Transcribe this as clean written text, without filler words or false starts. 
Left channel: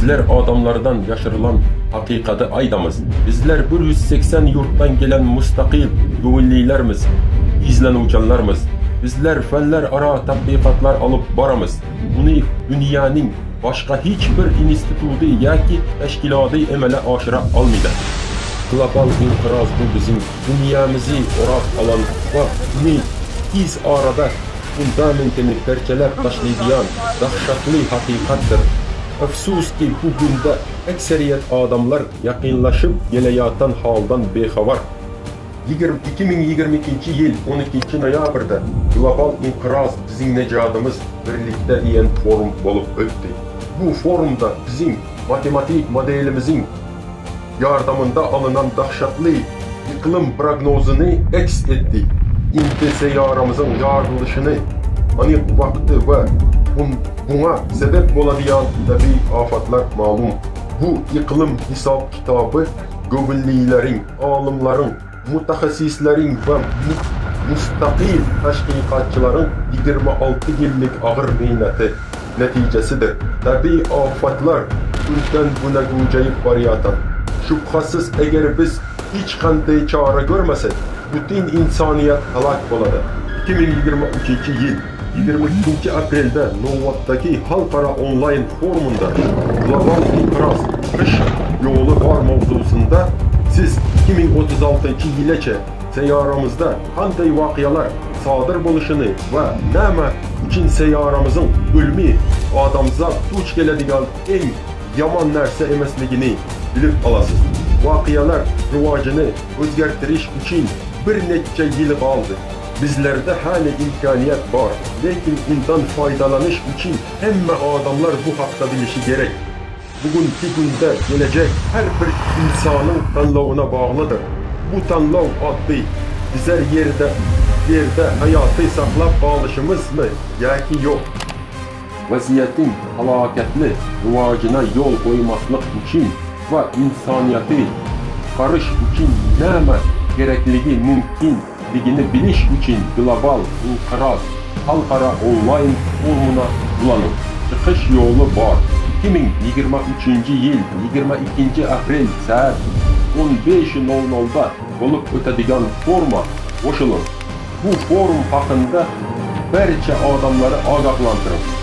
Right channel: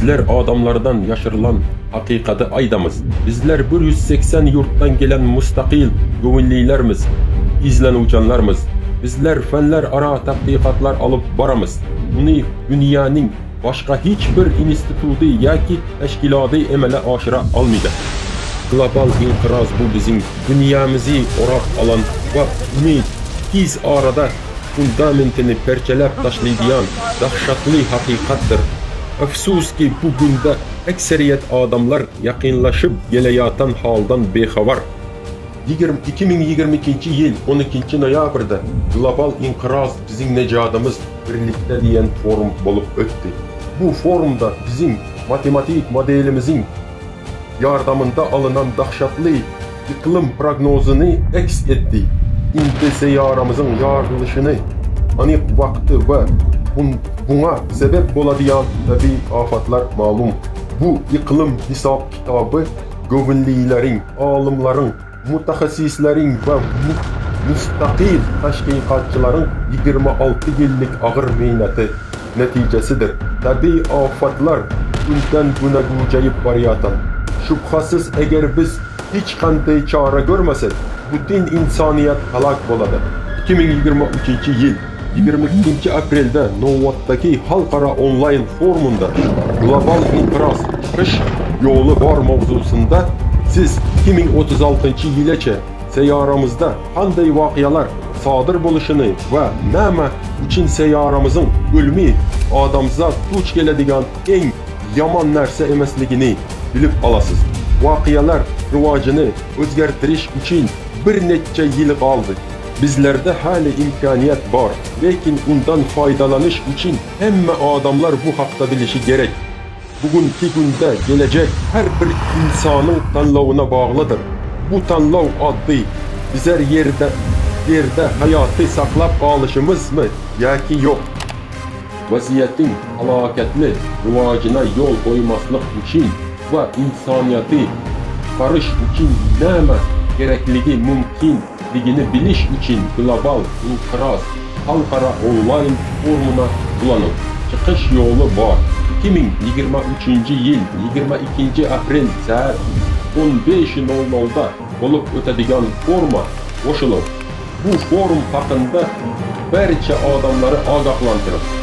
bizler adamlardan yaşırılan hakikati aydamız. Bizler 180 yurttan gelen müstakil gönüllülerimiz, izlenuvchanlarimiz. Bizler fenler ara tadqiqatlar alıp baramız. Bunu dünyanın başka hiçbir institutu yoki teşkilatı emele aşıra almaydı. Global inqiroz bu bizim dünyamızı orak alan ve bunu iz arada fundamentini perçelep taşlaydigan dahşatli hakikattir. Afsuski bugün de ekseriyet adamlar yakınlaşıp geleyatan haldan bexabar. 2022 yıl 12 noyabrda Global inqiroz bizim necadımız birlikte diyen forum olup öttü. Bu forumda bizim matematik modelimizin yardımında alınan dahşatlı iklim prognozunu eks etti. İnti seyaramızın yarılışını, anik vakti ve buna sebep oladiyan tabi afatlar malum. Bu iklim hesap kitabı gönüllülerin, alimlerin, mutaxassislerin ve müstakil teşkilatçıların 26 yıllık ağır mehneti neticesidir. Tabi afatlar günden güne güncayıp barıyatan. Şüphesiz eğer biz hiç kanday çare görmesek, bütün insaniyet halak boladı. 2023 yıl 22 April'de Novvat'taki halkara online forumunda Global inqiroz kış yolu var mevzusunda siz 2036 yılaça seyyaramızda kanday vakiyalar sadır buluşunu ve näme için seyyaramızın ölümü adamza duç geledigan en yaman narsa emasligini bilip alasız. Vakiyalar rivacını özgertiriş için bir neçe yıl kaldı. Bizlerde hala imkaniyet var. Lakin bundan faydalanış için hemme adamlar bu hakta bilişi gerek. Bugünkü günde gelecek her bir insanın tanlağına bağlıdır. Bu tanlağ adlı bizler yerde hayatı saklap alışımız mı? Yaki yok. Vaziyetin halaketli rivacına yol koymaslık için ve insaniyeti karış için näme gerekliliği mümkünligini biliş için Global inqiroz halkara online forumuna bulanın. Çıkış yolu var. 2023 yıl 22 April saat 15:00'da olup ötedigan foruma koşulun. Bu forum hakkında barcha adamları agahlandırın.